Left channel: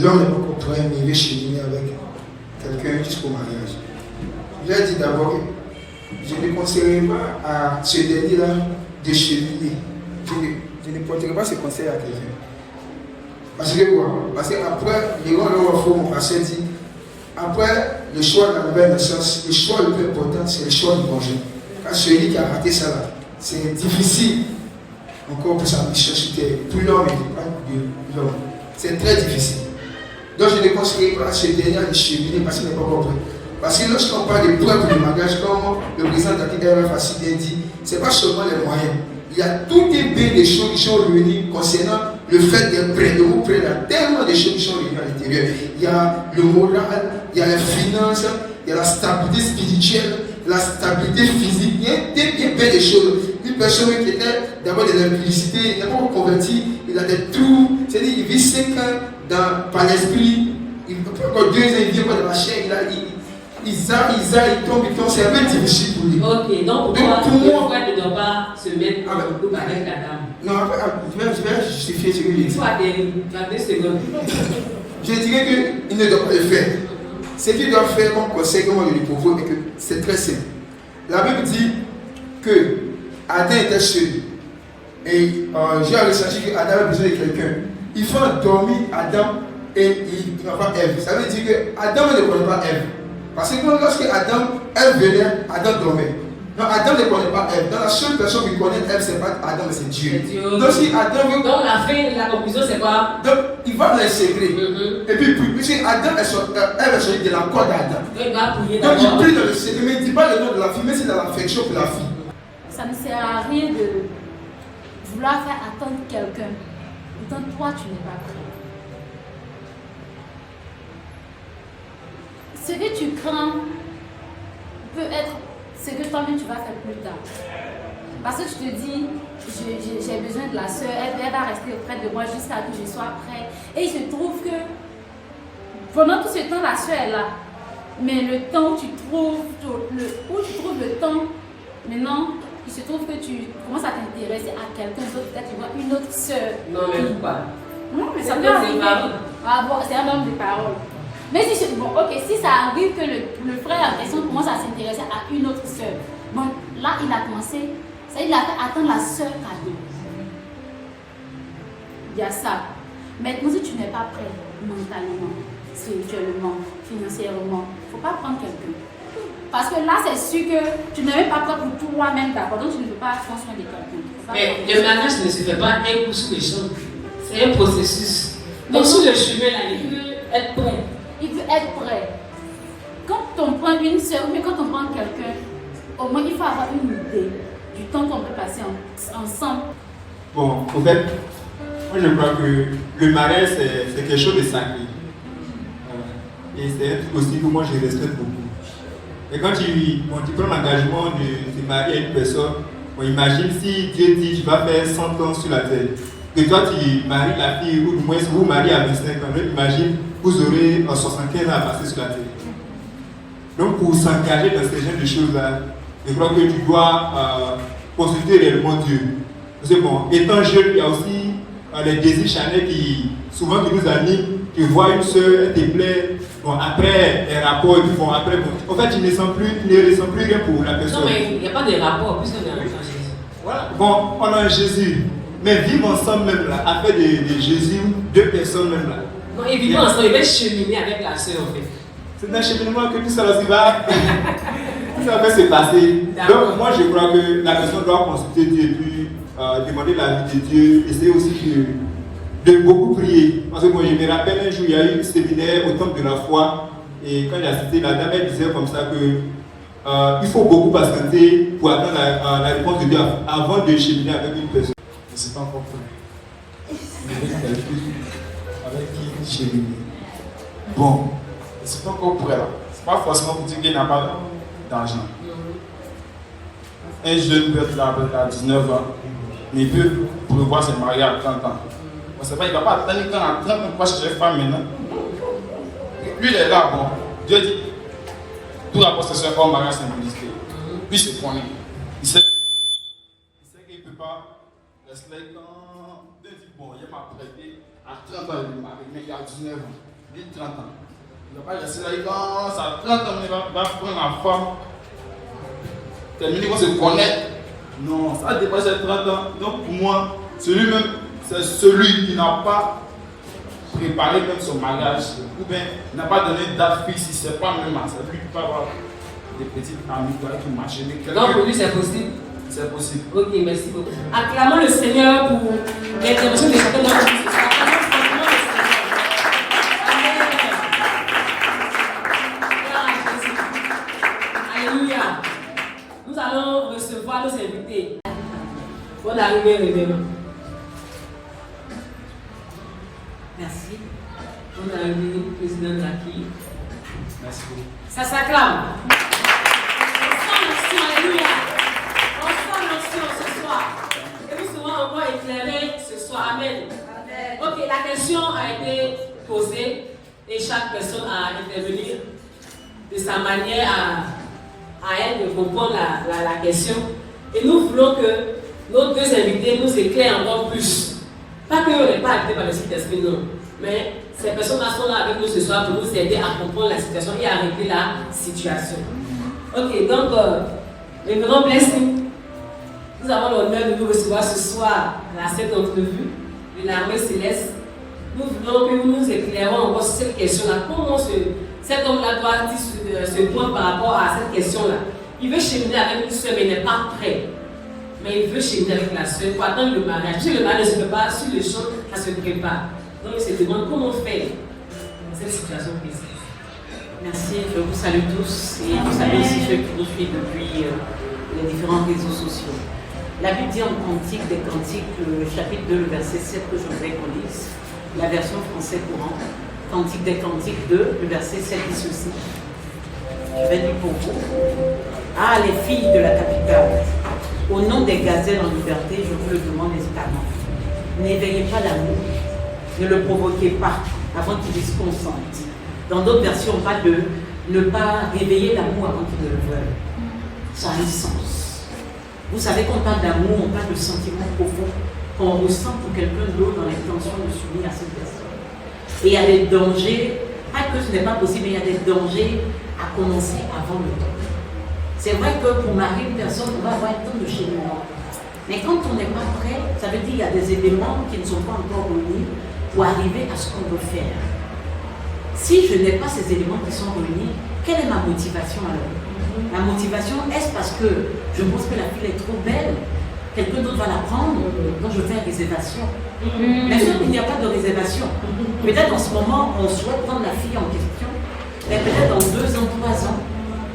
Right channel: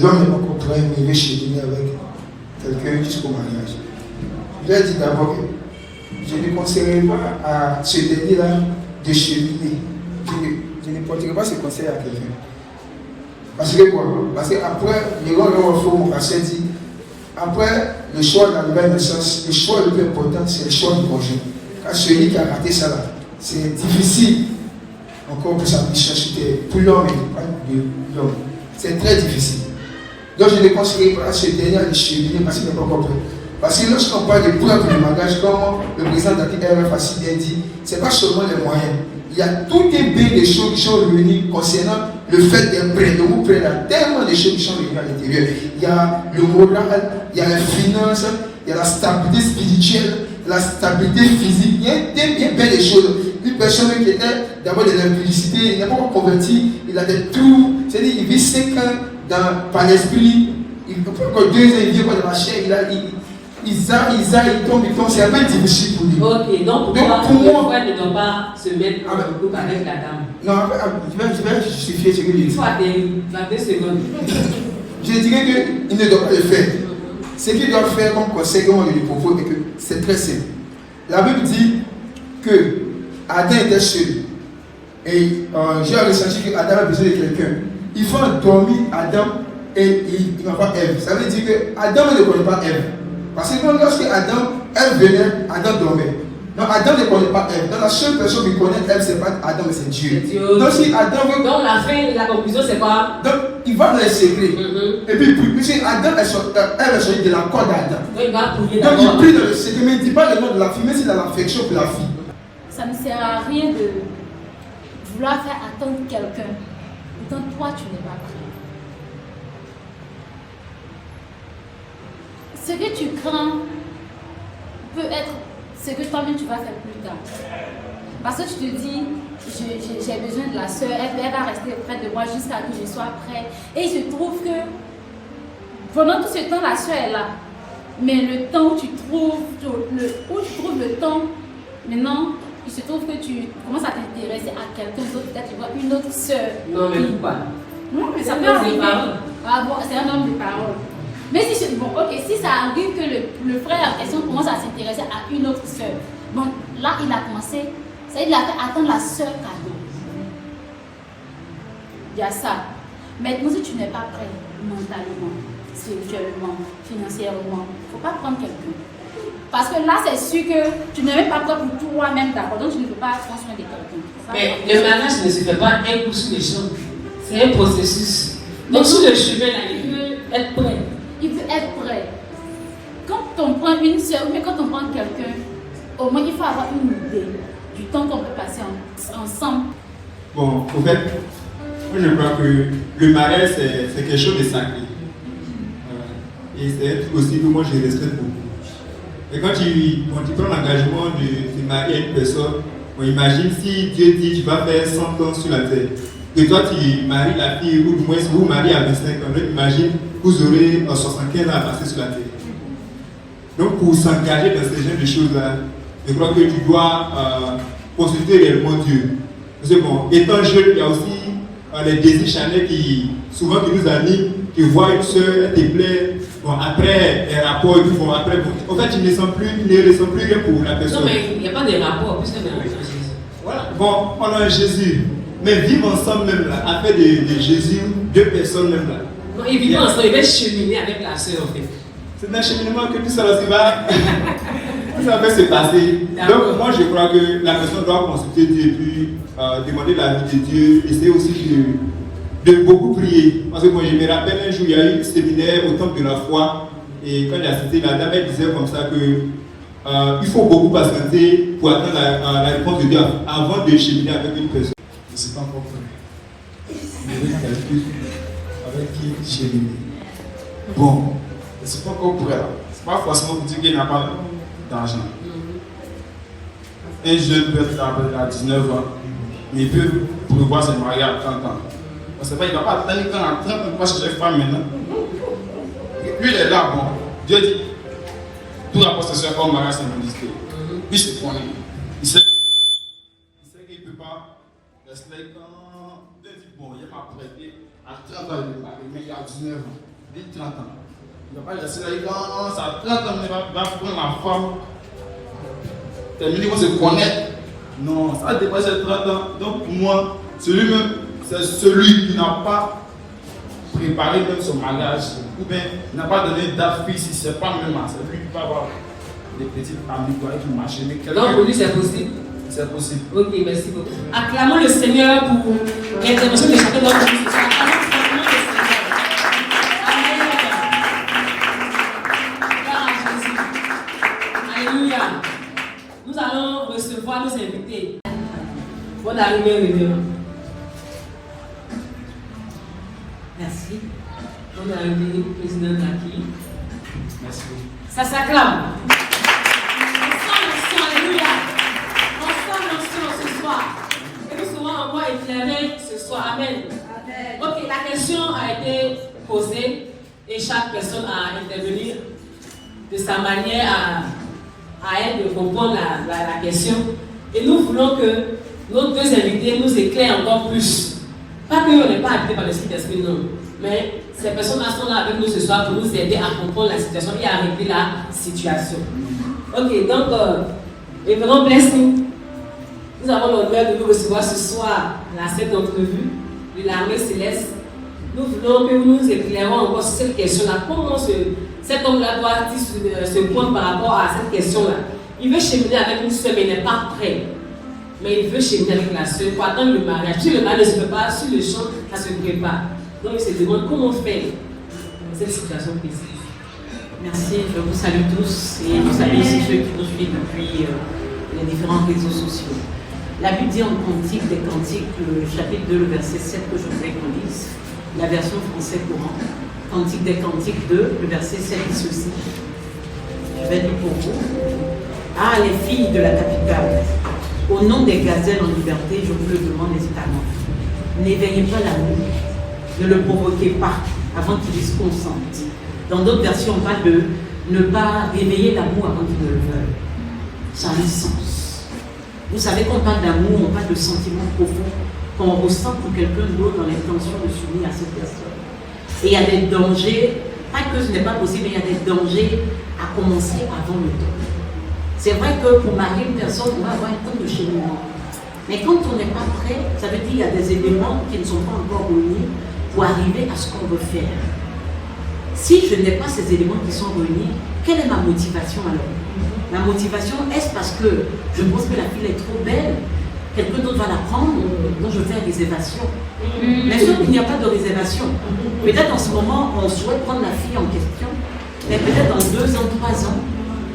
l'homme n'est pas contraint de cheminer avec quelqu'un jusqu'au mariage. Il a dit d'abord que je ne conseillerais pas à ce dernier-là de cheminer. Je ne porterai pas ce conseil à quelqu'un. Parce que quoi? Parce qu'après, les gens l'ont offert mon passé dit, après le choix de la nouvelle naissance, le choix le plus important, c'est le choix du conjoint. Car celui qui a raté ça là, c'est difficile encore pour sa mission pour l'homme et pas de l'homme. C'est très difficile. Donc je ne conseillerais pas à ce dernier de cheminer parce qu'il n'est pas compris. Parce que lorsqu'on parle de preuve de mariage, comme le président d'Afrique a si bien dit, ce n'est pas seulement les moyens. Il y a tout un bien des choses qui sont réunies concernant le fait d'être prêt. Le mot prêt, il y a tellement de choses qui sont réunies à l'intérieur. Il y a le moral, il y a les finances, il y a la stabilité spirituelle, la stabilité physique. Il y a bien des choses. Une personne qui était d'abord de l'impudicité, il n'est pas encore converti, il a des trous, c'est-à-dire il vit 5 ans par l'esprit, il peut pas encore 2 ans, il vient dans la chair, il tombe, c'est un peu difficile pour lui. Ok, donc pour moi, ne doit pas se mettre en couple avec la dame. Non, je vais justifier ce que je dis. Soit des 20 secondes. Je dirais qu'il ne doit pas le faire. Ce qu'il doit faire comme conseil, comme je lui propose, c'est que c'est très simple. La Bible dit que Adam était seul. Et j'ai ressenti que Adam a besoin de quelqu'un. Il faut endormir Adam et il n'a pas Ève. Ça veut dire que Adam ne connaît pas Ève. Parce que lorsque Ève venait, Adam dormait. Donc Adam ne connaît pas Ève. Donc la seule personne qui connaît Ève, ce n'est pas Adam, mais c'est Dieu. Donc si Adam veut... Donc la fin et la conclusion, c'est quoi? Donc il va dans les secrets. Et puis puisque Adam Ève est sortie de la corde d'Adam. Donc il prie dans le secret, mais il ne dit pas le nom de la fille, mais c'est dans l'affection pour la fille. Ça ne sert à rien de vouloir faire attendre quelqu'un. Pourtant toi, tu n'es pas prêt. Ce que tu crains peut être ce que toi-même tu vas faire plus tard. Parce que tu te dis, j'ai besoin de la soeur, elle va rester auprès de moi jusqu'à ce que je sois prêt. Et il se trouve que pendant tout ce temps, la soeur est là. Mais le temps où tu trouves le temps, maintenant, il se trouve que tu commences à t'intéresser à quelqu'un d'autre, peut-être tu vois une autre soeur. Non, mais pas. Non, mais ça peut arriver. Ah bon, c'est un homme de parole. Mais si je dis, bon, ok, si ça arrive que le frère en question commence à s'intéresser à une autre soeur, bon, là, il a commencé, ça il a fait attendre la soeur cadeau. Il y a ça. Maintenant, si tu n'es pas prêt mentalement, spirituellement, financièrement, il ne faut pas prendre quelqu'un. Parce que là, c'est sûr que tu n'es même pas prêt pour toi-même, d'accord, donc tu ne peux pas prendre soin de quelqu'un. Mais le mariage ne se fait pas un coup sur les choses. C'est un processus. Donc, sur le chemin, il veut être prêt. Il peut être prêt. Quand on prend une soeur, ou bien quand on prend quelqu'un, au moins il faut avoir une idée du temps qu'on peut passer ensemble. Bon, au fait, moi je crois que le mariage c'est quelque chose de sacré. Et c'est un truc aussi que moi je respecte beaucoup. Et quand tu prends l'engagement de marier une personne, on imagine si Dieu dit tu vas faire 100 ans sur la terre, que toi tu maries la fille, ou du moins si vous mariez à 25 ans, imagine vous aurez 75 ans à passer sur la terre. Donc pour s'engager dans ces genres de choses-là, je crois que tu dois consulter réellement Dieu. Parce que bon, étant jeune, il y a aussi les désirs charnels qui souvent qui nous animent. Tu vois une soeur, elle te plaît, bon, après les rapports, bon, après, bon, en fait, tu ne ressens plus rien pour la personne. Non, mais il n'y a pas de rapport, puisque on a Jésus. Voilà, bon, on a Jésus, mais vivre ensemble même là, après de Jésus, 2 personnes même là. Non, ils vivent ensemble, ils veulent cheminer avec la soeur en fait. C'est un cheminement que tout ça va se passer. Donc, moi, je crois que la personne doit consulter Dieu et puis demander l'avis de Dieu, essayer aussi de beaucoup prier. Parce que moi, je me rappelle un jour, il y a eu un séminaire au temple de la foi. Et quand j'ai assisté, la dame elle disait comme ça que il faut beaucoup patienter pour attendre la réponse de Dieu avant de cheminer avec une personne. Je ne sais pas encore comment. Mais quelqu'un avec qui cheminer. Bon, je ne sais pas encore pour elle. Ce n'est pas forcément pour dire qu'il n'a pas d'argent. Un jeune peut être là à 19 ans, mais il peut prévoir se marier à 30 ans. On sait pas, il ne va pas attendre quand à 30 ans pour chercher une femme maintenant. Lui, il est là, bon. Dieu dit, tout la possession comme mariage, c'est mon disque. Lui, c'est pour lui. Il sait qu'il ne peut pas rester quand. Bon, il n'y a m'apprêter à 30 ans de marier, mais il y a 19 ans, dit 30 ans. Il ne va pas laisser là, il va à 30 ans, il va prendre la femme, terminer pour se connaître. Non, ça dépasse les 30 ans. Donc pour moi, celui-même, c'est celui qui n'a pas préparé même son mariage, ou bien n'a pas donné de date fixe, si ce n'est pas même là, c'est lui qui va avoir des petites amies qui marchent. Donc pour lui, c'est possible. C'est possible. Ok, merci beaucoup. Acclamons le Seigneur pour l'intervention de chacun d'entre nous. Alléluia. Nous allons recevoir nos invités. Bonne arrivée, Révérend. Merci. Bonne arrivée, président Taki. Merci beaucoup. Ça s'acclame. Alléluia. Ce soir. Et nous serons encore éclairés ce soir. Amen. Ok, la question a été posée et chaque personne a intervenu de sa manière à elle de répondre la question. Et nous voulons que nos deux invités nous éclairent encore plus. Pas qu'on n'est pas habité par le Saint-Esprit, non. Mais ces personnes-là sont là avec nous ce soir pour nous aider à comprendre la situation et à régler la situation. Ok, donc, Révérend Blessing. Nous avons l'honneur de nous recevoir ce soir à cette entrevue de l'armée céleste. Nous voulons que nous éclairons encore sur cette question-là. Comment cet homme-là doit se pointer par rapport à cette question-là? Il veut cheminer avec une soeur, mais il n'est pas prêt. Mais il veut cheminer avec la soeur pour attendre le mariage. Si le mariage ne se prépare, sur le champ, ça se prépare. Donc il se demande comment faire cette situation précise. Merci, je vous salue tous et vous salue aussi ceux qui nous suivent depuis les différents réseaux sociaux. La Bible dit en Cantique des Cantiques, le chapitre 2, le verset 7 que je voudrais qu'on lise, la version français courant. Cantique des Cantiques 2, le verset 7 dit ceci. Je vais lire pour vous. Ah, les filles de la capitale, au nom des gazelles en liberté, je vous le demande hésitamment. N'éveillez pas l'amour, ne le provoquez pas avant qu'il y consente. Dans d'autres versions, on parle de ne pas réveiller l'amour avant qu'il ne le veuille. Ça a le sens. Vous savez, quand on parle d'amour, on parle de sentiments profonds qu'on ressent pour quelqu'un d'autre dans l'intention de s'unir à cette personne. Et il y a des dangers, pas que ce n'est pas possible, mais il y a des dangers à commencer avant le temps. C'est vrai que pour marier une personne, on va avoir un temps de cheminement. Mais quand on n'est pas prêt, ça veut dire qu'il y a des éléments qui ne sont pas encore réunis pour arriver à ce qu'on veut faire. Si je n'ai pas ces éléments qui sont réunis, quelle est ma motivation alors? La motivation, est-ce parce que je pense que la fille est trop belle, quelqu'un d'autre va la prendre, donc je vais faire des réservations. Mais sauf qu'il n'y a pas de réservation. Peut-être en ce moment, on souhaite prendre la fille en question, mais peut-être dans 2 ans, 3 ans,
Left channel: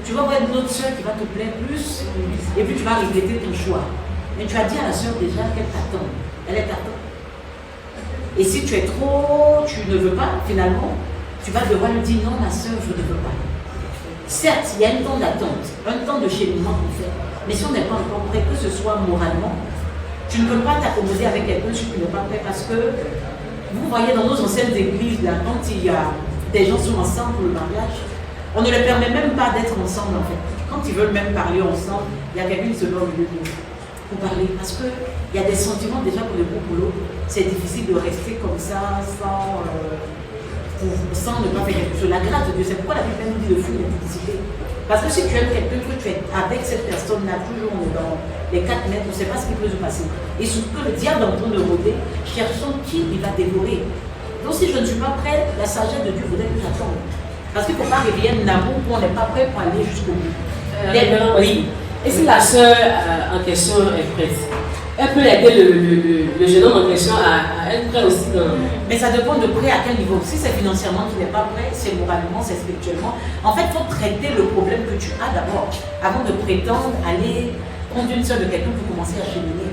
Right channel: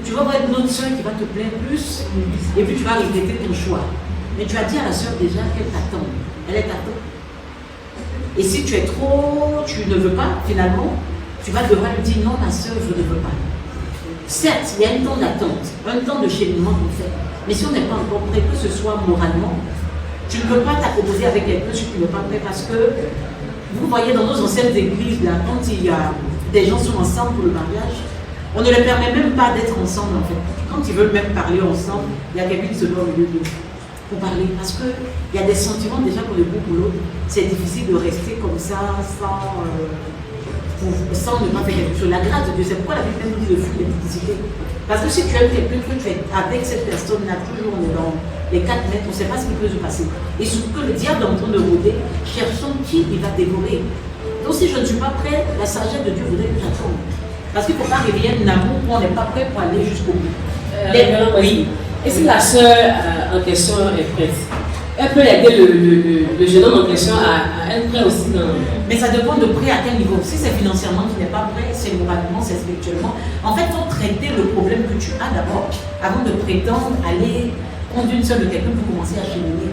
tu vas voir une autre soeur qui va te plaire plus, et puis tu vas regretter ton choix. Mais tu as dit à la soeur déjà qu'elle t'attend. Elle est t'attend. Et si tu es trop, tu ne veux pas, finalement, tu vas devoir lui dire non, ma soeur, je ne veux pas. Certes, il y a un temps d'attente, un temps de cheminement pour faire. Mais si on n'est pas encore prêt, que ce soit moralement, tu ne peux pas t'accommoder avec quelqu'un si tu n'es pas prêt. Parce que vous voyez dans nos anciennes églises, là, quand il y a des gens qui sont ensemble pour le mariage, on ne leur permet même pas d'être ensemble en fait. Quand ils veulent même parler ensemble, il y a quelqu'un qui se donne au milieu d'eux pour parler. Parce qu'il y a des sentiments déjà pour le groupe ou l'autre. C'est difficile de rester comme ça sans ne pas faire quelque chose. La grâce de Dieu, c'est pourquoi la Bible nous dit de fuir l'électricité. Parce que si tu aimes quelqu'un, que tu es avec cette personne-là, toujours on est dans les 4 mètres, on ne sait pas ce qui peut se passer. Et surtout que le diable est en train de rôder, cherchant qui il va dévorer. Donc si je ne suis pas prêt, la sagesse de Dieu voudrait que j'attende. Parce qu'il ne faut pas réveiller un amour où on n'est pas prêt pour aller jusqu'au bout. Oui. Et si la sœur en question est prête, elle peut aider le jeune homme en question à être prêt aussi. Mais ça dépend de prêt à quel niveau. Si c'est financièrement qui n'est pas prêt, c'est moralement, c'est spirituellement. En fait, il faut traiter le problème que tu as d'abord, avant de prétendre aller prendre une sœur de quelqu'un pour commencer à cheminer.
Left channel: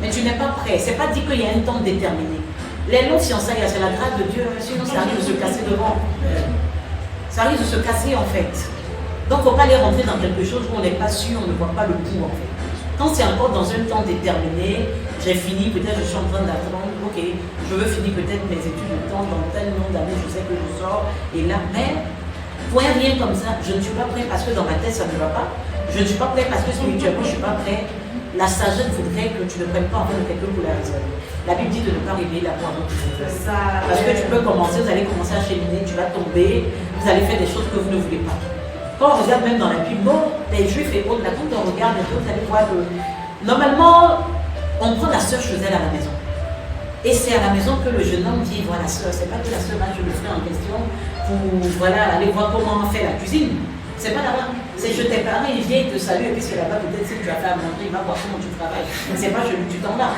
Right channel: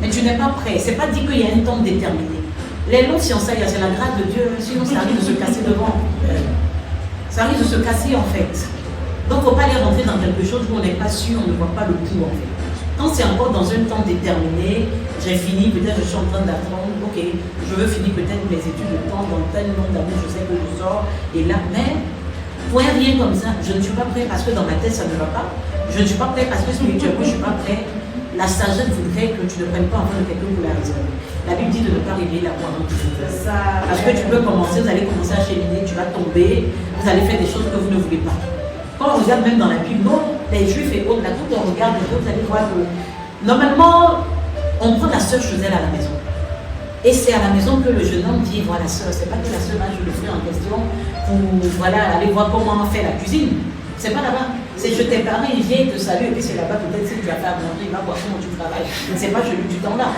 Mais tu n'es pas prêt. Ce n'est pas dit qu'il y a un temps déterminé. Les longs fiançailles, c'est la grâce de Dieu, sinon ça arrive de se casser devant. Ça risque de se casser en fait. Donc il ne faut pas aller rentrer dans quelque chose où on n'est pas sûr, on ne voit pas le bout en fait. Quand c'est encore dans un temps déterminé, j'ai fini, peut-être je suis en train d'attendre, ok, je veux finir peut-être mes études de temps, dans tel nombre d'années, je sais que je sors, et là, mais pour rien comme ça, je ne suis pas prêt parce que dans ma tête ça ne va pas, je ne suis pas prêt parce que spirituellement je ne suis pas prêt, la sagesse voudrait que tu ne prennes pas en compte de quelqu'un pour la réserver. La Bible dit de ne pas réveiller la voix avant qu'il ne fasse. Parce que tu peux commencer, vous allez commencer à cheminer, tu vas tomber, vous allez faire des choses que vous ne voulez pas. Quand on regarde même dans la Bible, non, les Juifs et autres, là, quand on regarde les choses, vous allez voir que normalement, on prend la sœur chez elle à la maison. Et c'est à la maison que le jeune homme dit, voilà sœur, c'est pas que la sœur va je le fais en question pour voilà, aller voir comment on fait la cuisine. C'est pas là-bas. C'est je t'ai parlé, il vient, il te salue, et puis c'est là-bas, peut-être si tu as fait à manger, il va voir comment tu travailles. Mais c'est pas celui du temps là.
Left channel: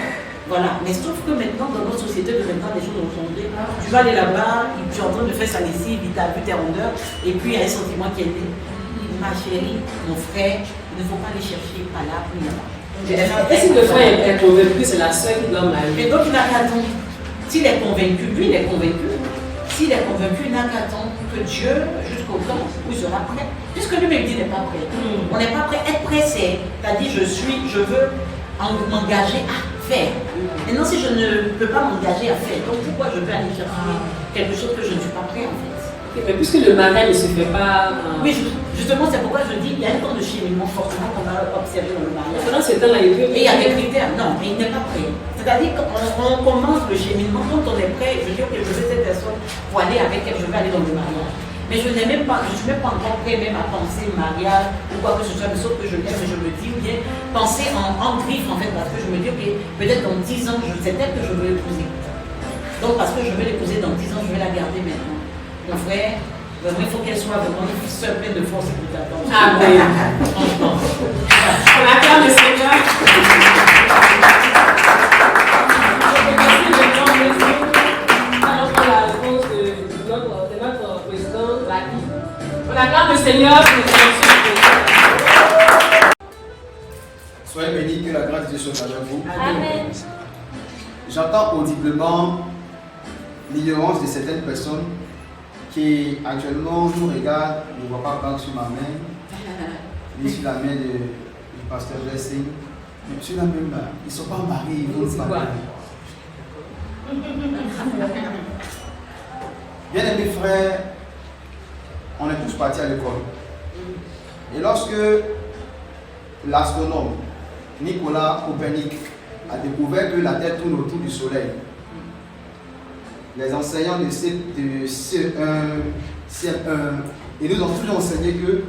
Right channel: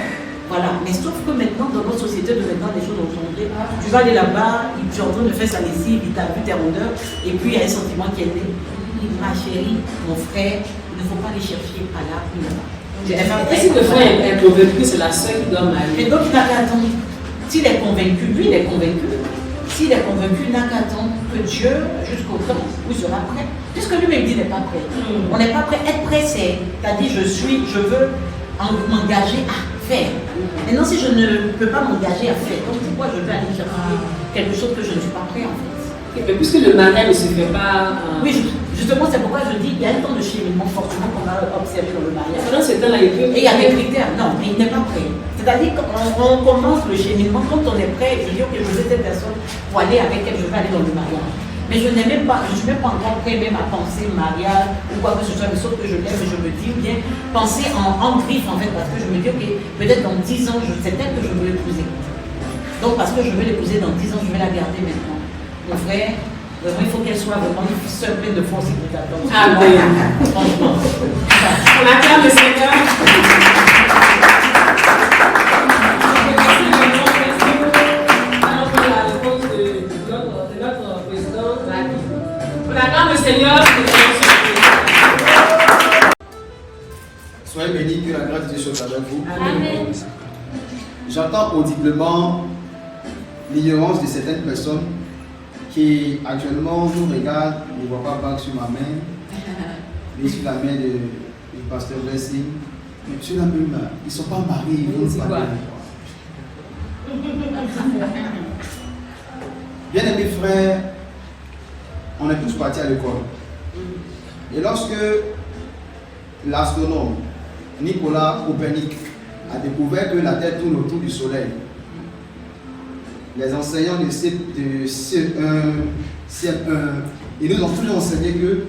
Voilà. Mais sauf que maintenant, dans notre société, maintenant, les choses ont changé. Tu vas aller là-bas, tu es en train de faire sa lessive, il t'a vu tes rondeurs, et puis il y a un sentiment qui est né. Ma chérie, mon frère, il ne faut pas les chercher pas là, plus là. Et si le frère est convaincu que c'est la sœur qui doit marier? Et donc il n'a qu'à attendre. S'il est convaincu, lui il est convaincu. S'il est convaincu, il n'a qu'à attendre que Dieu, jusqu'au temps où il sera prêt. Puisque lui-même dit n'est pas prêt. On n'est pas prêt. Être prêt, c'est-à-dire je veux m'engager à faire. Maintenant, si je ne peux pas m'engager à faire, donc pourquoi je vais aller chercher quelque chose que je ne suis pas prêt en fait? Mais puisque le mariage ne se fait pas. Oui, justement, c'est pourquoi je dis qu'il y a un temps de cheminement fortement qu'on a observé dans le mariage. Pendant ce temps-là, et il y a des critères, non, mais il n'est pas prêt. C'est-à-dire qu'on commence le cheminement, quand on est prêt, je dis que je veux cette personne pour aller avec elle, je vais aller dans le mariage. Mais je n'ai même pas, je ne suis même pas encore prêt même à penser mariage ou quoi que ce soit, mais sauf que je l'aime et je me dis, ou bien penser en griffe en fait, parce que je me dis, ok, peut-être dans 10 ans, c'est elle que je veux l'épouser. Donc parce que je veux l'épouser dans 10 ans, je vais la garder maintenant. Mon frère, il faut qu'elle soit vraiment seule, pleine de force et de t'attendre. Ah oui. Franchement. On acclame le Seigneur. On acclame le Seigneur. Soyez bénis, que la grâce de Dieu soit avec vous. Amen. J'entends audiblement l'ignorance de certaines personnes qui actuellement nous regardent, ne voient pas banque sur ma main, ni sur la main du pasteur Wrestling, mais sur la même main. Ils ne sont pas mariés, ils ne vont pas marier. Bien aimés frères, on est tous partis à l'école. Et lorsque l'astronome Nicolas Copernic a découvert que la Terre tourne autour du Soleil, les enseignants de CM1, ils nous ont tous enseigné que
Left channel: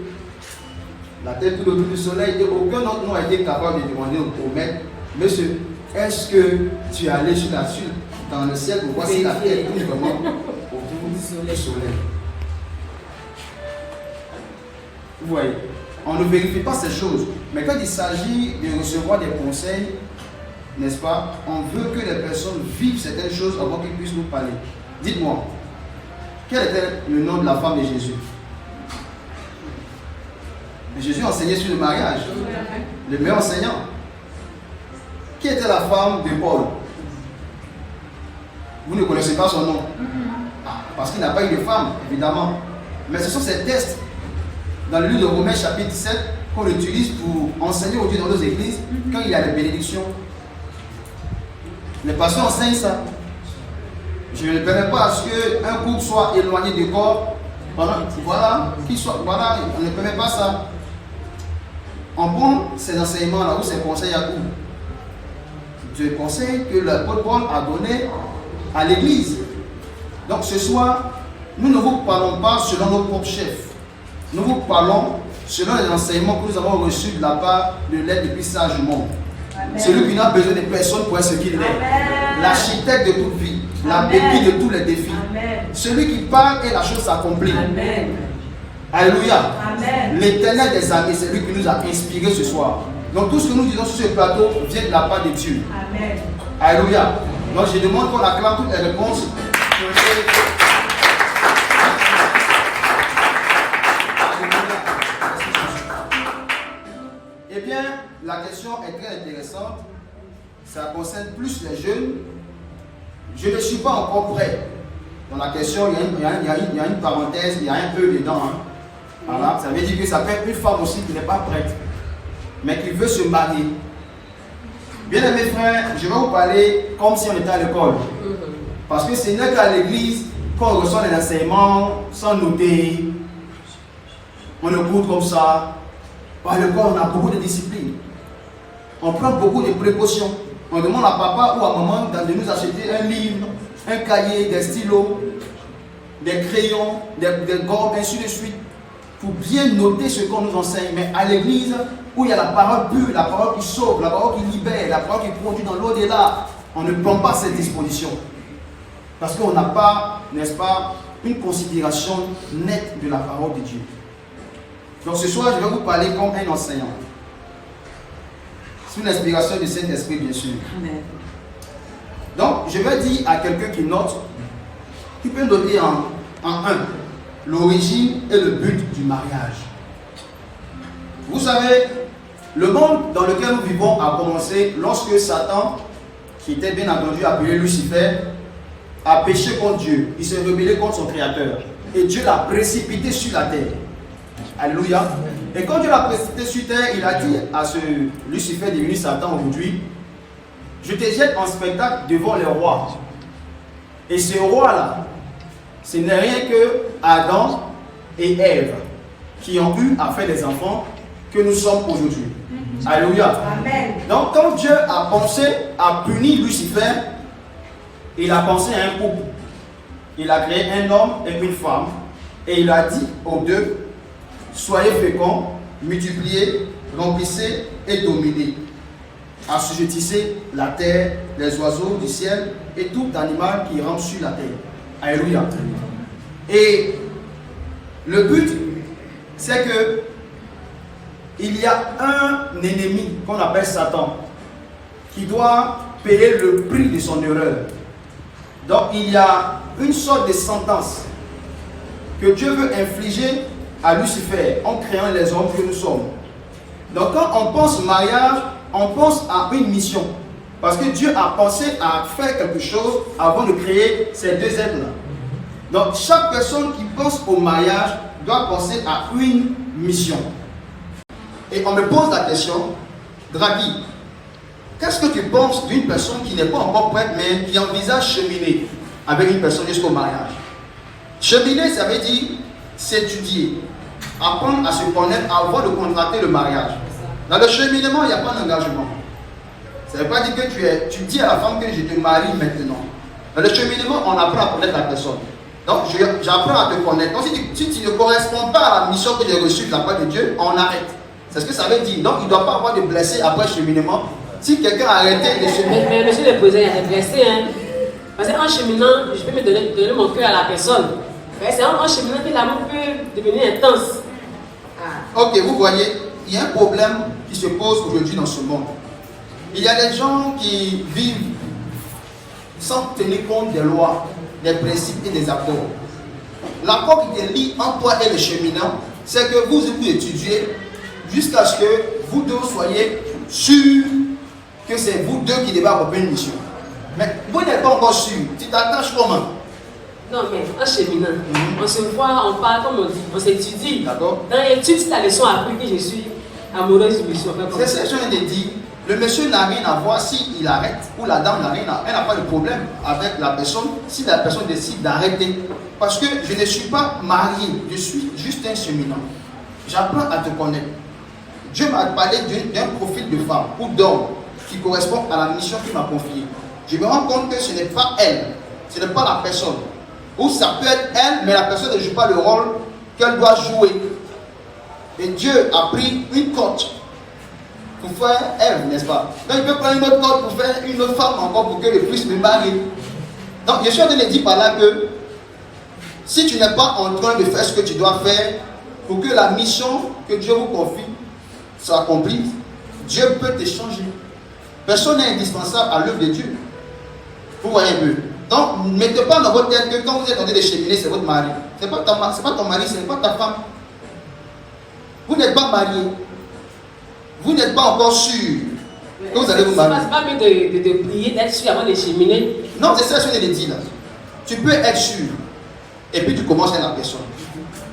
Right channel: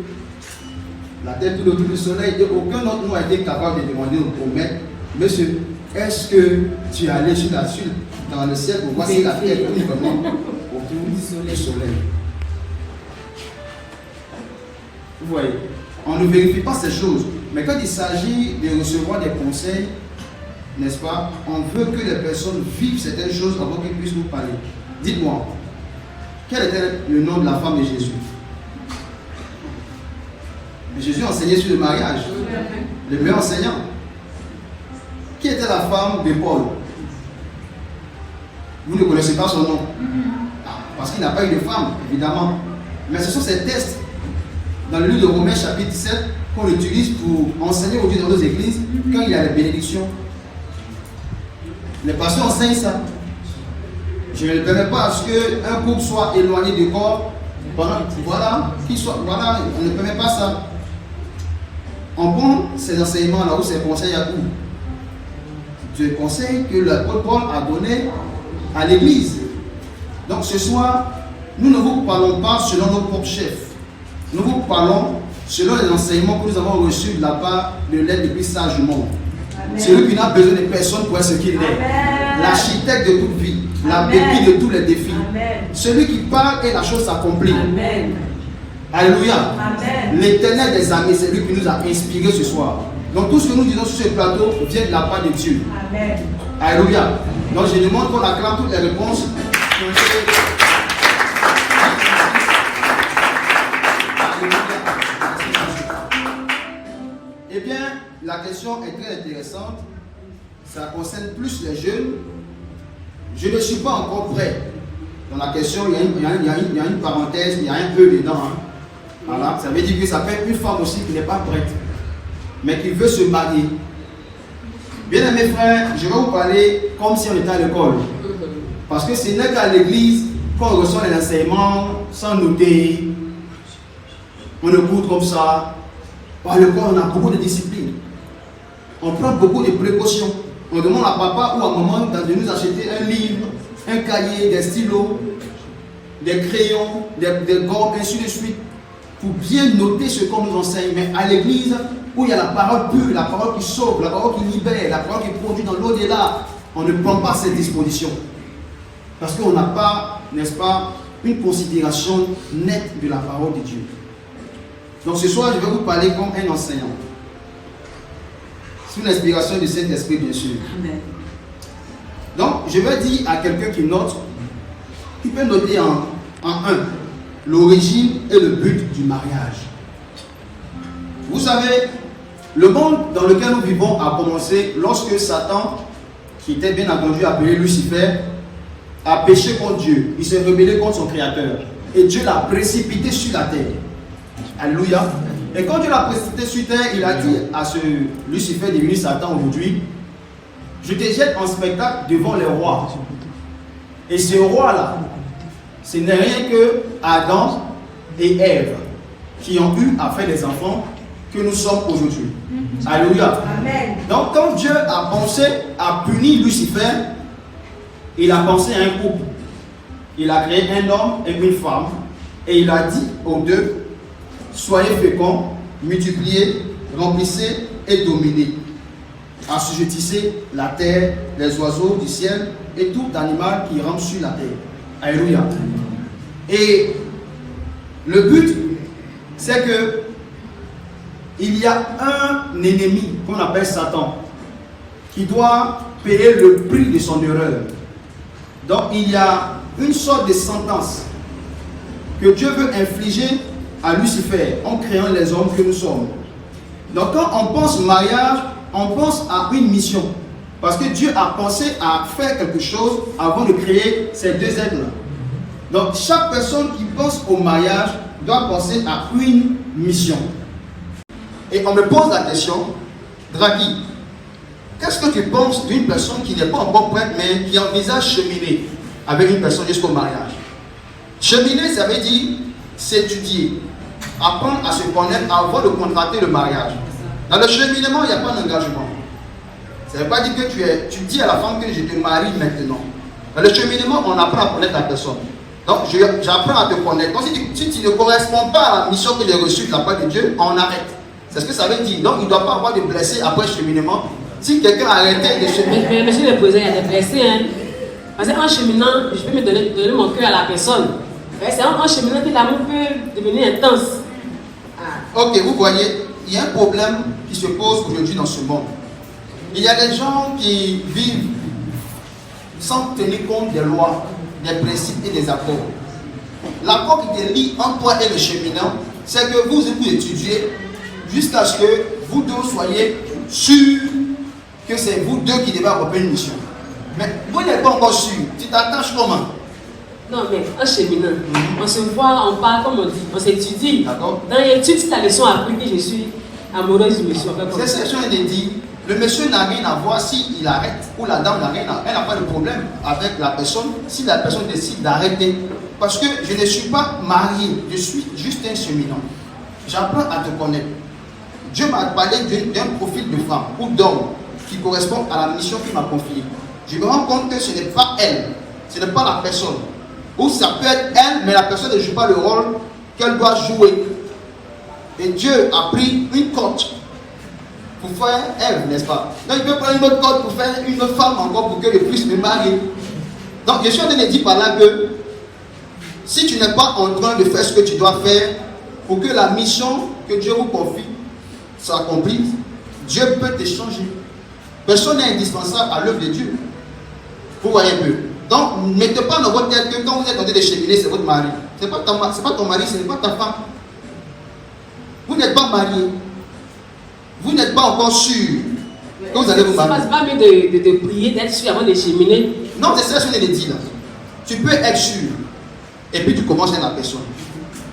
la Terre tourne autour du Soleil et aucun d'entre nous a été capable de demander au maître, monsieur, est-ce que tu es allé dans le ciel pour voir si la Terre tourne vraiment autour du Soleil? Vous voyez, on ne vérifie pas ces choses, mais quand il s'agit de recevoir des conseils, n'est-ce pas, on veut que les personnes vivent certaines choses avant qu'ils puissent nous parler. Dites-moi, quel était le nom de la femme de Jésus? Jésus enseignait sur le mariage, le meilleur enseignant. Qui était la femme de Paul? Vous ne connaissez pas son nom, parce qu'il n'a pas eu de femme, évidemment. Mais ce sont ces textes dans le livre de Romains chapitre 7 qu'on utilise pour enseigner aujourd'hui dans nos églises quand il y a les bénédictions. Les pasteurs enseignent ça. Je ne permets pas à ce qu'un couple soit éloigné du corps. Voilà, on ne permet pas ça. On prend ces enseignements là où ces conseils à où? Des conseils que l'apôtre Paul a donné à l'église. Donc ce soir, nous ne vous parlons pas selon nos propres chefs. Nous vous parlons selon les enseignements que nous avons reçus de la part de l'aide des plus sages du monde. Celui qui n'a besoin de personne pour être ce qu'il est. L'architecte de toute vie, la béquille de tous les défis. Amen. Celui qui parle et la chose s'accomplit. Alléluia. L'éternel des armées, c'est lui qui nous a inspirés ce soir. Donc tout ce que nous disons sur ce plateau vient de la part de Dieu. Amen. Alléluia. Donc je demande qu'on acclame toutes les réponses. Eh bien, la question est très intéressante. Ça concerne plus les jeunes. Je ne suis pas encore prêt. Dans la question, il y a une parenthèse, il y a un peu dedans. Voilà, ça veut dire que ça peut être une femme aussi qui n'est pas prête, mais qui veut se marier. Bien aimés frères, je vais vous parler comme si on était à l'école. Parce que ce n'est qu'à l'église qu'on reçoit les enseignements sans noter. On écoute comme ça. Par le corps, on a beaucoup de discipline. on prend beaucoup de précautions. On demande à papa ou à maman de nous acheter un livre, un cahier, des stylos, des crayons, des gommes, ainsi de suite, pour bien noter ce qu'on nous enseigne. Mais à l'église, où il y a la parole pure, la parole qui sauve, la parole qui libère, la parole qui produit dans l'au-delà, on ne prend pas cette disposition. Parce qu'on n'a pas, n'est-ce pas, une considération nette de la parole de Dieu. Donc ce soir, je vais vous parler comme un enseignant. Sous l'inspiration du Saint-Esprit, bien sûr. Amen. Donc, je vais dire à quelqu'un qui note, qui peut noter en un, l'origine et le but du mariage. Vous savez, le monde dans lequel nous vivons a commencé lorsque Satan, qui était bien entendu appelé Lucifer, a péché contre Dieu. Il s'est rebellé contre son Créateur. Et Dieu l'a précipité sur la terre. Alléluia. Et quand Dieu l'a précipité sur terre, il a dit à ce Lucifer devenu Satan aujourd'hui, je te jette en spectacle devant les rois. Et ce roi-là, ce n'est rien que Adam et Ève qui ont eu à faire les enfants que nous sommes aujourd'hui. Alléluia. Amen. Donc quand Dieu a pensé à punir Lucifer, il a pensé à un couple. Il a créé un homme et une femme. Et il a dit aux deux, soyez féconds, multipliez, remplissez et dominez. Assujettissez la terre, les oiseaux du ciel et tout animal qui rampe sur la terre. Alléluia. Et le but, c'est que il y a un ennemi qu'on appelle Satan qui doit payer le prix de son erreur. Donc il y a une sorte de sentence que Dieu veut infliger à Lucifer en créant les hommes que nous sommes. Donc quand on pense mariage, on pense à une mission. Parce que Dieu a pensé à faire quelque chose avant de créer ces deux êtres-là. Donc chaque personne qui pense au mariage doit penser à une mission. Et on me pose la question, Draghi, qu'est-ce que tu penses d'une personne qui n'est pas encore prête, mais qui envisage cheminer avec une personne jusqu'au mariage? Cheminer, ça veut dire s'étudier, apprendre à se connaître avant de contracter le mariage. Dans le cheminement, il n'y a pas d'engagement. Ça ne veut pas dire que tu dis à la femme que je te marie maintenant. Dans le cheminement, on apprend à connaître la personne. Donc, j'apprends à te connaître. Donc, si tu ne corresponds pas à la mission que j'ai reçue de la part de Dieu, on arrête. C'est ce que ça veut dire. Donc, il ne doit pas avoir de blessés après le cheminement. Si quelqu'un a arrêté de cheminer. Mais monsieur le posé, il y a des blessés. Hein? Parce qu'en cheminant, je vais me donner mon cœur à la personne. C'est en cheminant que l'amour peut devenir intense. Ok, vous voyez, il y a un problème qui se pose aujourd'hui dans ce monde. Il y a des gens qui vivent sans tenir compte des lois, des principes et des accords. L'accord qui est lié entre toi et le cheminant, c'est que vous étudiez jusqu'à ce que vous deux soyez sûrs que c'est vous deux qui devez accomplir une mission. Mais vous n'êtes pas encore sûr. Tu t'attaches comment? Non, mais en cheminant, on se voit, on parle, comme on dit, on s'étudie. D'accord. Dans l'étude, si ta leçon a appris que je suis amoureuse du monsieur. C'est ce que je viens de dire. Le monsieur n'a rien à voir s'il arrête ou la dame n'a rien à voir. Elle n'a pas de problème avec la personne si la personne décide d'arrêter. Parce que je ne suis pas marié, je suis juste un cheminant. J'apprends à te connaître. Dieu m'a parlé d'un profil de femme ou d'homme qui correspond à la mission qu'il m'a confiée. Je me rends compte que ce n'est pas elle, ce n'est pas la personne. Ou ça peut être elle, mais la personne ne joue pas le rôle qu'elle doit jouer. Et Dieu a pris une coach pour faire elle, n'est-ce pas? Donc il peut prendre une autre coach pour faire une autre femme encore pour que je puisse me marier. Donc je suis en train de dire par là que si tu n'es pas en train de faire ce que tu dois faire pour que la mission que Dieu vous confie soit accomplie, Dieu peut te changer. Personne n'est indispensable à l'œuvre de Dieu. Vous voyez mieux. Donc, ne mettez pas dans votre tête que quand vous êtes en train de cheminer, c'est votre mari. Ce n'est pas ton mari, ce n'est pas ta femme. Vous n'êtes pas marié. Vous n'êtes pas encore sûr que vous allez vous marier. C'est pas mieux de prier, d'être sûr avant de cheminer. Non, c'est ça que je l'ai dit là. Tu peux être sûr. Et puis tu commences avec la personne.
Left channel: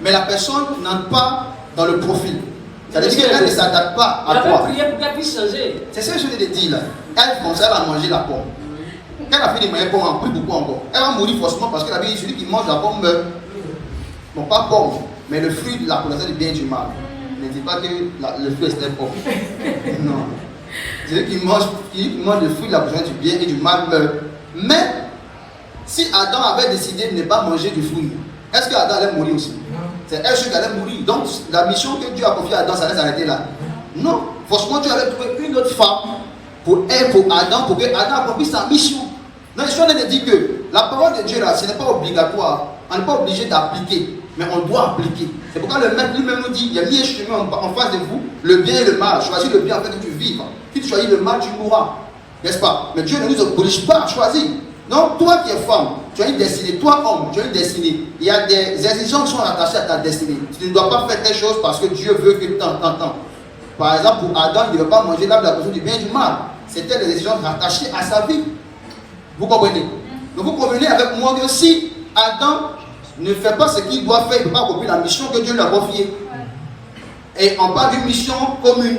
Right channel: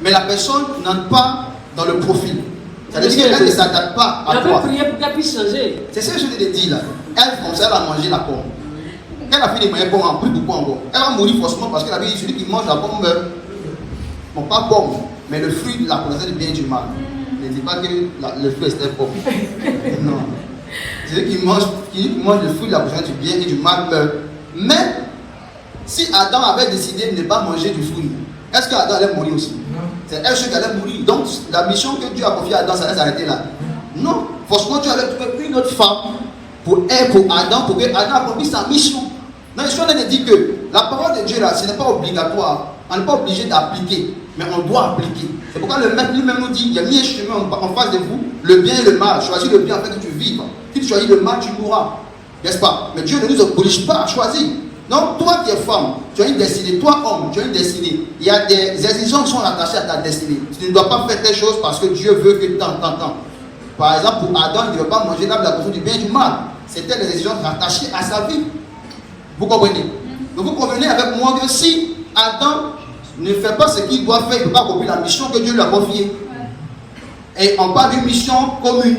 Mais la personne n'entre pas dans le profil. Ça veut dire qu'elle ne s'adapte pas à toi. Elle peut prier pour qu'elle puisse changer. C'est ce que je te l'ai dit là. Elle commence à manger la pomme. Elle a fait des moyens pommes en plus de pomme encore. Elle va mourir forcément parce qu'elle avait dit celui qui mange la pomme meurt. Bon, pas pomme, mais le fruit de la connaissance du bien et du mal. Ne dis pas que le fruit est pomme. Non. Celui qui mange le fruit de la connaissance du bien et du mal meurt. Mais, si Adam avait décidé de ne pas manger du fruit, est-ce que Adam allait mourir aussi? C'est un qui allait mourir. Donc, la mission que Dieu a confiée à Adam, ça allait s'arrêter là. Non, forcément, Dieu avait trouvé une autre femme pour Adam, pour que Adam accomplisse sa mission. Donc, je suis en train de dire que la parole de Dieu là, ce n'est pas obligatoire. On n'est pas obligé d'appliquer, mais on doit appliquer. C'est pourquoi le maître lui-même nous dit, il y a mis un chemin en face de vous, le bien et le mal. Choisis le bien afin que tu vives. Si tu choisis le mal, tu mourras. N'est-ce pas? Mais Dieu ne nous oblige pas à choisir. Donc, toi qui es femme, tu as une destinée. Toi, homme, tu as une destinée. Il y a des exigences qui sont attachées à ta destinée. Tu ne dois pas faire telle chose parce que Dieu veut que tant. Par exemple, pour Adam, il ne veut pas manger l'arbre de la connaissance du bien et du mal. C'était les exigences rattachées à sa vie. Vous comprenez? Donc, vous convenez avec moi que si Adam ne fait pas ce qu'il doit faire, il ne peut pas accomplir la mission que Dieu lui a confiée. Et on parle d'une mission commune.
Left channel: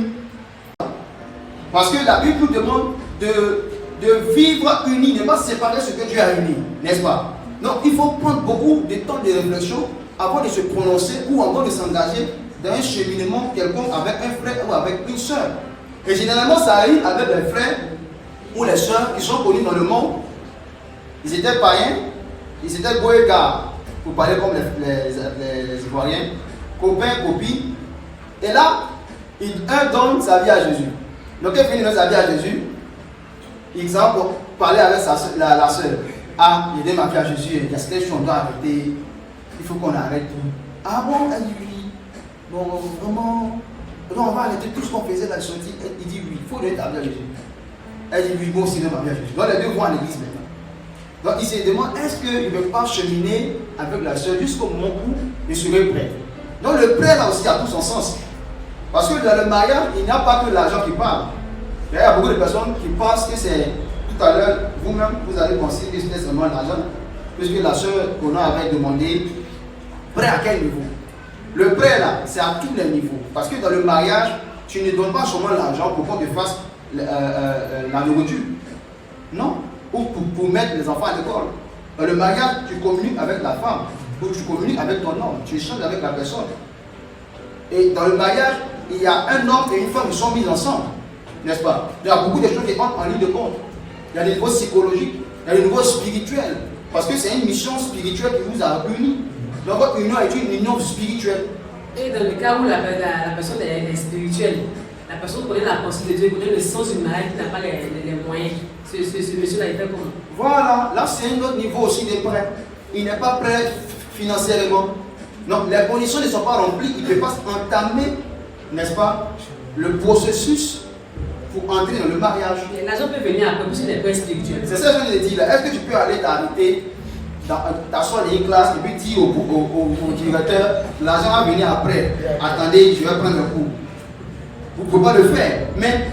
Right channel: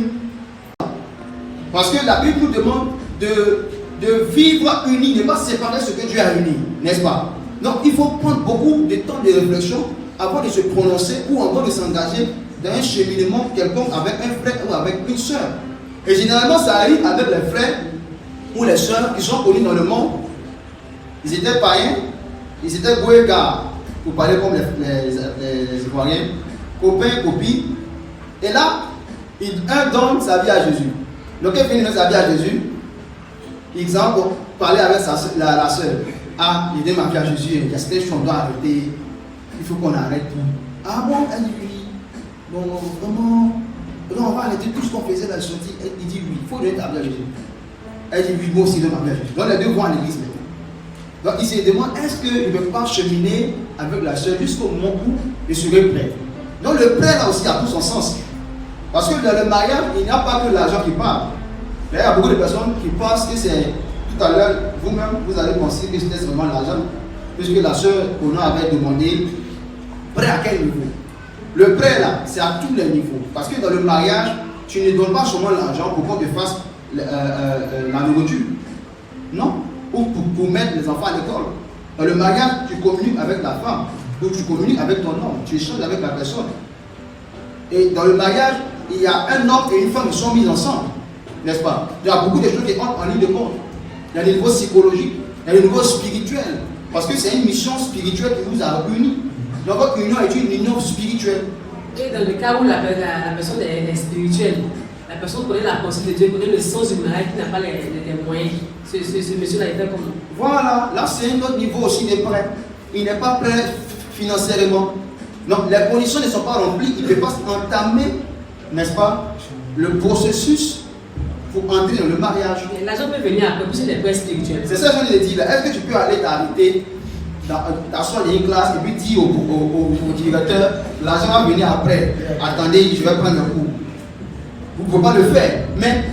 Parce que la Bible nous demande de vivre unis, ne pas séparer ce que Dieu a uni, n'est-ce pas? Donc il faut prendre beaucoup de temps de réflexion avant de se prononcer ou avant de s'engager dans un cheminement quelconque avec un frère ou avec une soeur. Et généralement ça arrive avec les frères ou les soeurs qui sont connus dans le monde. Ils étaient païens, ils étaient goégards, pour parler comme les Ivoiriens, copains, copines. Et là, un donne sa vie à Jésus. Donc, quand il donne sa vie à Jésus, exemple, parler avec la soeur. Ah, j'ai donné ma vie à Jésus, qu'est-ce que je suis en train d'arrêter? Il faut qu'on arrête. Ah bon? Elle dit oui. Non, vraiment. Non, on va arrêter tout ce qu'on faisait dans le sortie. Il dit oui, il faut donner ta vie à Jésus. Elle dit oui, moi aussi, donne ma vie à Jésus. Donc, les deux vont à l'église maintenant. Donc, il se demande, est-ce qu'il ne veut pas cheminer avec la soeur jusqu'au moment où il serait prêt? Donc, le prêt là aussi a tout son sens. Parce que dans le mariage, il n'y a pas que l'argent qui parle. Il y a beaucoup de personnes qui pensent que c'est, tout à l'heure, vous-même, vous allez penser que c'était seulement l'argent, puisque la soeur qu'on avait demandé, prêt à quel niveau? Le prêt là, c'est à tous les niveaux. Parce que dans le mariage, tu ne donnes pas seulement l'argent pour qu'on te fasse la nourriture. Non. Ou pour mettre les enfants à l'école. Dans le mariage, tu communiques avec la femme, ou tu communiques avec ton homme, tu échanges avec la personne. Et dans le mariage, il y a un homme et une femme qui sont mis ensemble, n'est-ce pas? Il y a beaucoup de choses qui entrent en ligne de compte. Il y a des niveaux psychologiques, il y a des niveaux spirituels, parce que c'est une mission spirituelle qui vous a unis. Donc votre union est une union spirituelle. Et dans le cas où la personne est spirituelle, la personne connaît la pensée de Dieu, connaît le sens du mariage, qui n'a pas les moyens. Ce monsieur-là, il fait comment? Voilà, là c'est un autre niveau aussi de prêt. Il n'est pas prêt financièrement. Donc les conditions ne sont pas remplies, il ne peut pas entamer, n'est-ce pas, le processus pour entrer dans le mariage. L'argent peut venir après, pour les prêts spirituels. C'est ça que je veux dire là. Est-ce que tu peux aller t'arrêter, t'asseoir dans une classe et puis dire au directeur, l'argent va venir après, attendez, je vais prendre le cours. Vous ne pouvez pas le faire. Mais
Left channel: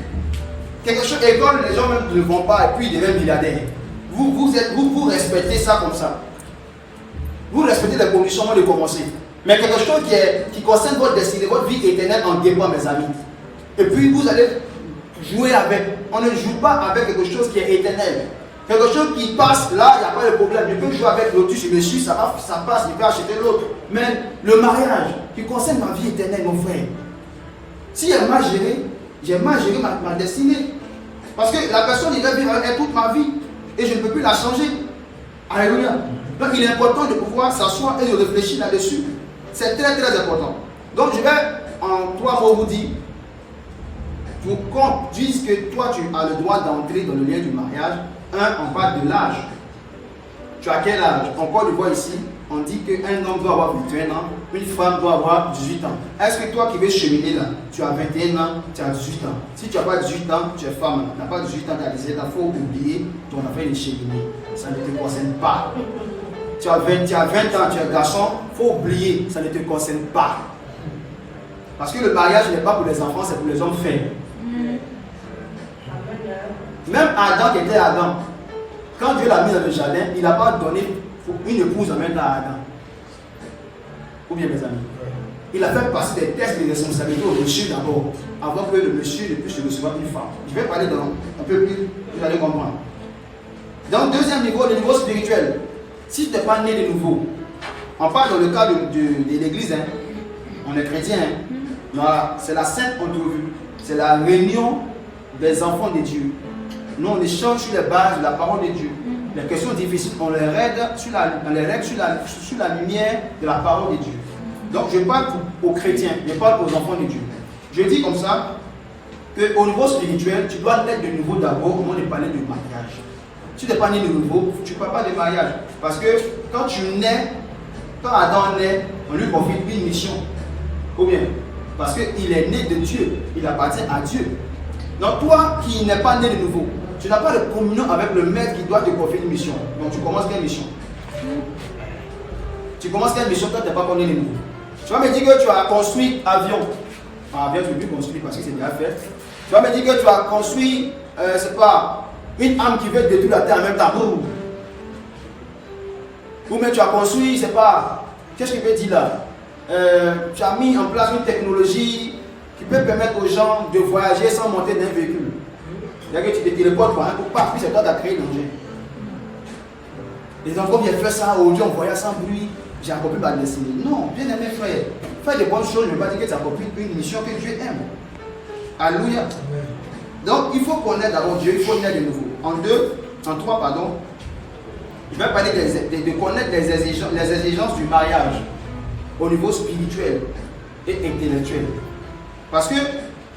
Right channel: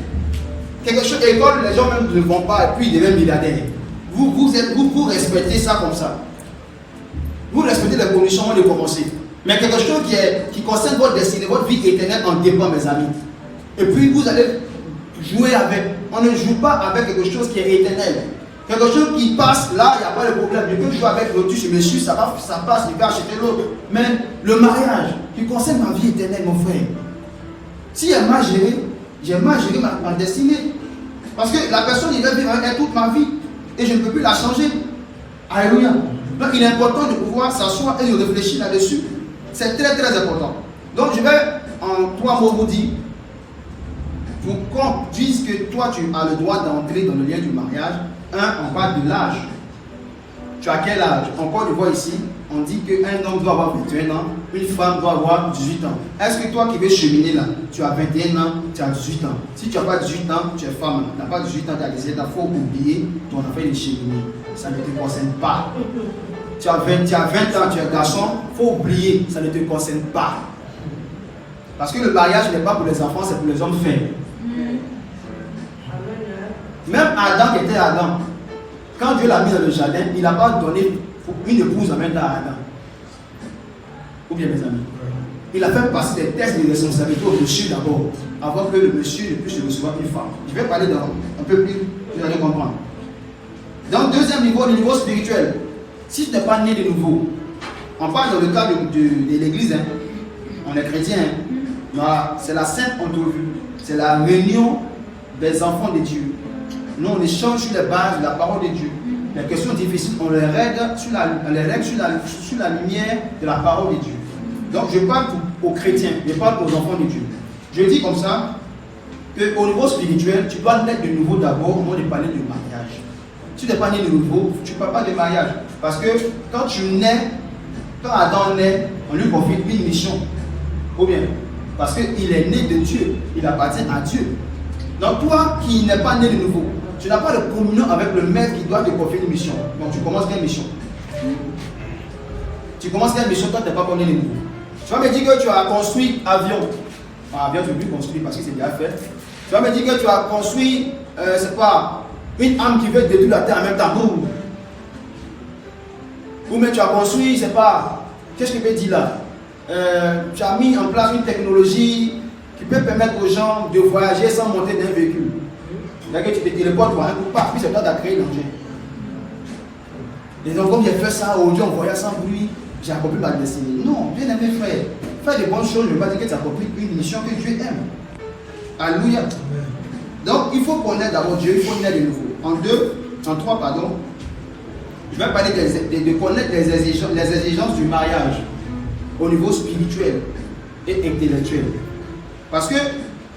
quelque chose, école, les gens même ne vont pas et puis ils deviennent milliardaires. Vous respectez ça comme ça. Vous respectez les conditions avant de commencer. Mais quelque chose qui concerne votre destinée, votre vie éternelle en dépend, mes amis. Et puis vous allez jouer avec. On ne joue pas avec quelque chose qui est éternel. Quelque chose qui passe, là, il n'y a pas de problème. Je peux jouer avec l'autre, je me suis, ça passe, je vais acheter l'autre. Mais le mariage, qui concerne ma vie éternelle, mon frère. Si elle m'a géré, j'ai mal géré ma destinée. Parce que la personne, il va vivre avec elle toute ma vie. Et je ne peux plus la changer. Alléluia. Donc il est important de pouvoir s'asseoir et de réfléchir là-dessus. C'est très très important. Donc je vais en 3 mots vous dire, pour qu'on dise que toi tu as le droit d'entrer dans le lien du mariage, on parle de l'âge. Tu as quel âge? On peut le voir ici, on dit qu'un homme doit avoir 21 ans, une femme doit avoir 18 ans. Est-ce que toi qui veux cheminer là, tu as 21 ans, tu as 18 ans? Si tu n'as pas 18 ans, tu es femme. Tu n'as pas 18 ans, tu as 17 ans, il faut oublier ton affaire de cheminer. Ça ne te concerne pas. Tu as 20 ans, tu es garçon, il faut oublier, ça ne te concerne pas. Parce que le mariage n'est pas pour les enfants, c'est pour les hommes faibles. Même Adam qui était Adam, quand Dieu l'a mis dans le jardin, il n'a pas donné une épouse en même temps à Adam. Ou bien mes amis. Il a fait passer des tests de responsabilité au monsieur d'abord, avant que le monsieur ne puisse recevoir une femme. Je vais parler un peu plus, vous allez comprendre. Dans le deuxième niveau, le niveau spirituel. Si tu n'es pas né de nouveau, on parle dans le cas de l'église, hein. On est chrétien. Hein. Voilà, c'est la sainte entrevue. C'est la réunion des enfants de Dieu. Nous, on échange sur les bases de la parole de Dieu. Les questions difficiles, on les règle sur la lumière de la parole de Dieu. Donc, je parle aux chrétiens, je parle aux enfants de Dieu. Je dis comme ça, qu'au niveau spirituel, tu dois naître de nouveau d'abord au moment de parler de mariage. Si tu n'es pas né de nouveau, tu ne parles pas de mariage. Parce que quand tu nais, quand Adam naît, on lui confie une mission. Ou bien, parce qu'il est né de Dieu, il appartient à Dieu. Donc toi qui n'es pas né de nouveau, tu n'as pas de communion avec le maître qui doit te confier une mission. Donc tu commences une mission. Tu commences une mission, toi tu n'es pas né de nouveau. Tu vas me dire que tu as construit avion. Avion, tu veux construire parce que c'est déjà fait. Tu vas me dire que tu as construit, c'est pas, une âme qui veut détruire la terre en même temps. Ou même tu as construit, c'est pas, qu'est-ce que je veux dire là? Tu as mis en place une technologie qui peut permettre aux gens de voyager sans monter dans un véhicule. C'est-à-dire que tu te téléportes par un coup, pas, puis c'est toi qui as créé l'engin. Et donc, comme j'ai fait ça, aujourd'hui on voyage sans bruit, j'ai accompli ma destinée. Non, bien aimé frère, faire de bonnes choses ne veut pas dire que tu as accompli une mission que Dieu aime. Alléluia. Donc, il faut connaître d'abord Dieu, il faut naître de nouveau. En 3, pardon, je vais parler de connaître les exigences du mariage au niveau spirituel et intellectuel. Parce que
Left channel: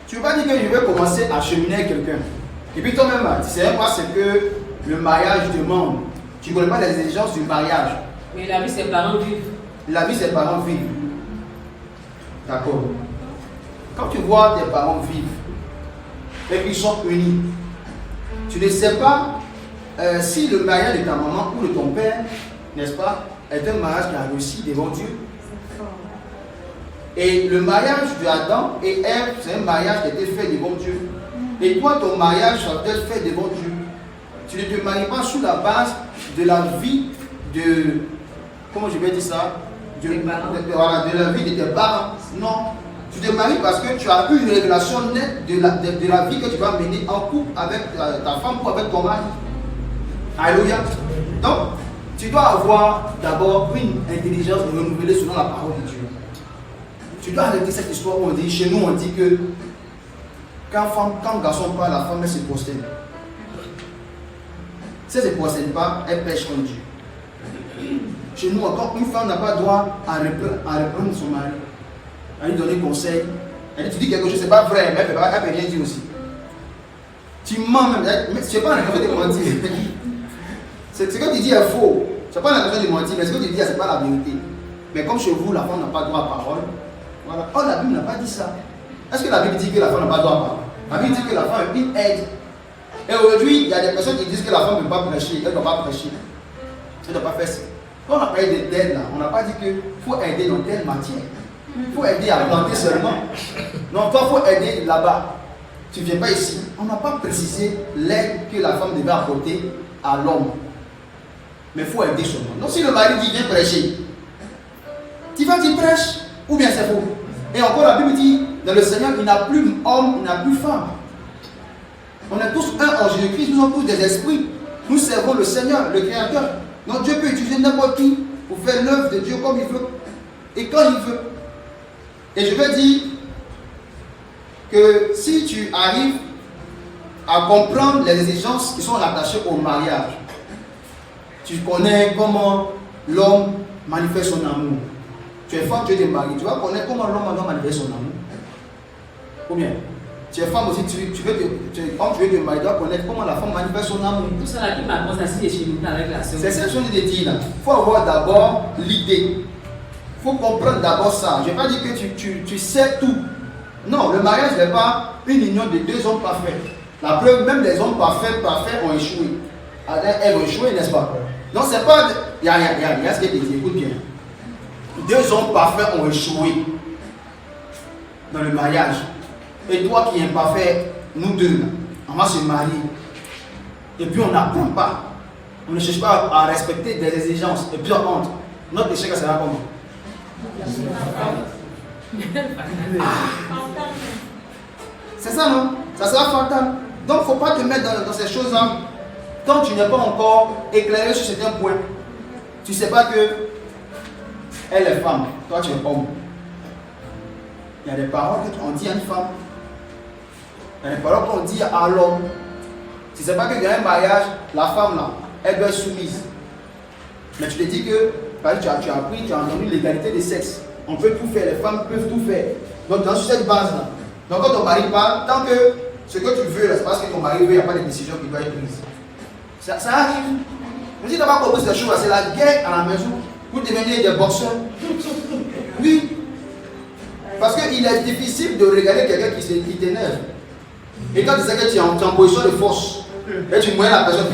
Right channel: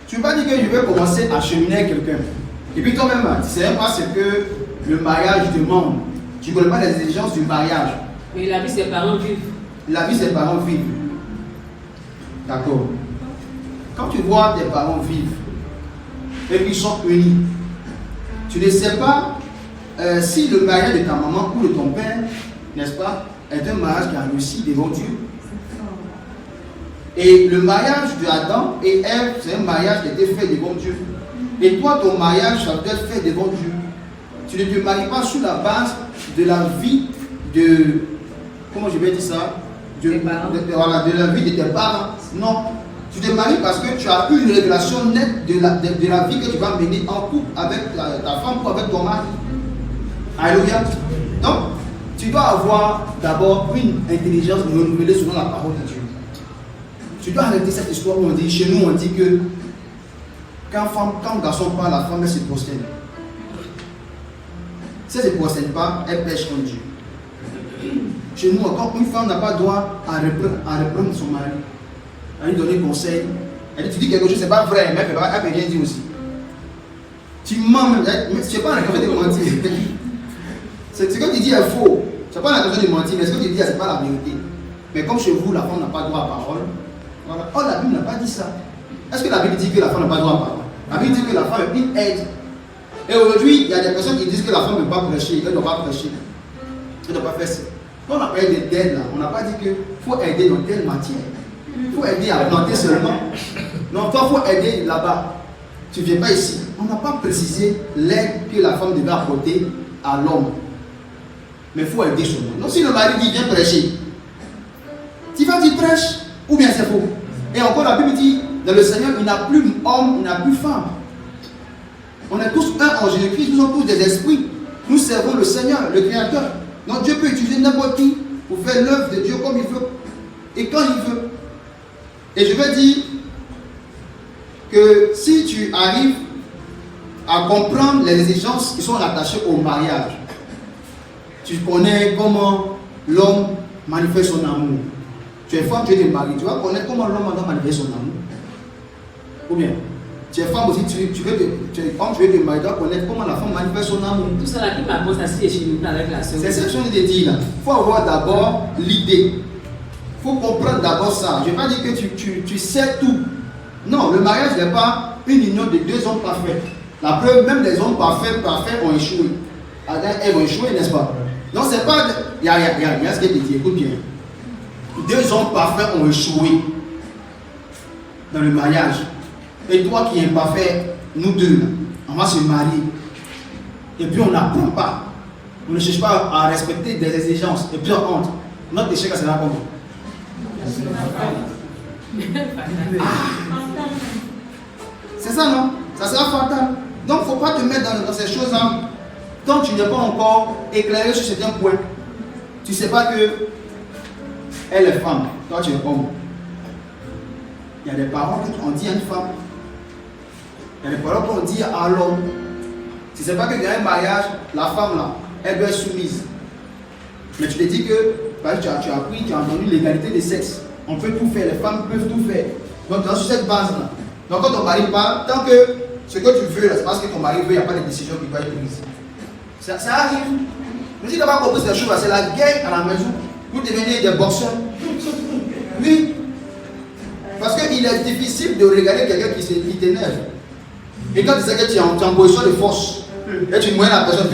tu vas dire que je vais commencer à cheminer avec quelqu'un. Et puis toi-même, tu ne sais pas ce que le mariage demande. Tu ne connais pas les exigences du mariage. Mais la vie, ses parents vivent. La vie, ses parents vivent. D'accord. Quand tu vois tes parents vivre et qu'ils sont unis, tu ne sais pas si le mariage de ta maman ou de ton père, n'est-ce pas, est un mariage qui a réussi devant Dieu. Et le mariage d'Adam et Ève, c'est un mariage qui a été fait devant Dieu. Et toi, ton mariage, ça doit être fait devant Dieu. Tu ne te maries pas sur la base de la vie de... Comment je vais dire ça? De la vie de tes parents. Non. Tu te maries parce que tu as eu une révélation nette de la vie que tu vas mener en couple avec ta femme ou avec ton mari. Alléluia. Donc, tu dois avoir d'abord une intelligence renouvelée selon la parole de Dieu. Tu dois arrêter cette histoire où on dit, chez nous on dit que quand garçon parle, la femme elle se prosterne. Si elle ne se prosterne pas, elle pêche comme Dieu. Chez nous encore, une femme n'a pas droit à reprendre son mari, à lui donner conseil. Elle dit, tu dis quelque chose, c'est pas vrai, mais elle peut rien dire aussi. Tu mens même, mais ce n'est pas un café de mentir. Ce que tu dis est faux. Ce n'est pas un café de mentir, mais ce que tu dis, ce n'est pas la vérité. Mais comme chez vous, la femme n'a pas droit à parole, voilà. Oh, la Bible n'a pas dit ça. Est-ce que la Bible dit que la femme n'a pas droit à parole? La Bible dit que la femme est une aide. Et aujourd'hui, il y a des personnes qui disent que la femme ne peut pas prêcher, elle ne doit pas prêcher. Elle ne doit pas faire ça. Quand on a parlé d'aide là, on n'a pas dit qu'il faut aider dans telle matière. Il faut aider à planter seulement. Non, toi, il faut aider là-bas. Tu ne viens pas ici. On n'a pas précisé l'aide que la femme devait apporter à l'homme. Mais il faut aider seulement. Donc si le mari dit viens prêcher, tu vas dire prêche ou bien c'est faux. Et encore la Bible dit, dans le Seigneur, il n'y a plus homme, il n'y a plus femme. On est tous un en Jésus-Christ, nous sommes tous des esprits. Nous servons le Seigneur, le Créateur. Donc Dieu peut utiliser n'importe qui pour faire l'œuvre de Dieu comme il veut et quand il veut. Et je veux dire que si tu arrives à comprendre les exigences qui sont rattachées au mariage, tu connais comment l'homme manifeste son amour. Tu es femme, tu es marié, tu vas connaître comment l'homme doit manifester son amour. Ou bien, tu es femme aussi, tu veux te marier, tu dois connaître comment la femme manifeste son amour. Tout ça là qui m'apporte assis chez nous avec la sœur. C'est cette chose que je te dis là. Il faut avoir d'abord l'idée. Il faut comprendre d'abord ça. Je ne vais pas dire que tu sais tout. Non, le mariage n'est pas une union de deux hommes parfaits. La preuve, même les hommes parfaits ont échoué. Elles vont échouer, n'est-ce pas? Non, c'est pas. Il y a ce que je te dis, écoute bien. Deux hommes parfaits ont échoué dans le mariage. Et toi qui es parfait, nous deux, là, on va se marier. Et puis on n'apprend pas. On ne cherche pas à respecter des exigences. Et puis on honte. Notre échec sera comment? C'est ça, non? Ça sera fatal. Donc il ne faut pas te mettre dans ces choses-là tant que tu n'es pas encore éclairé sur certains points. Tu ne sais pas que elle est femme, toi tu es homme. Il y a des paroles qu'on dit à une femme. Dans les paroles qu'on dit à l'homme, si c'est pas que dans un mariage, la femme là, elle doit être soumise. Mais tu te dis que tu as appris, tu as entendu l'égalité des sexes. On peut tout faire, les femmes peuvent tout faire. Donc, dans cette base-là, donc quand ton mari parle, tant que ce que tu veux, c'est parce que ton mari veut, il n'y a pas de décision qui va être prise. Ça arrive. Mais si tu n'as pas compris cette chose, c'est la guerre à la maison. Vous devenez des boxeurs. Oui. Parce qu'il est difficile de regarder quelqu'un qui t'énerve. Et quand tu sais que tu es en position de force, et tu moyennes la personne,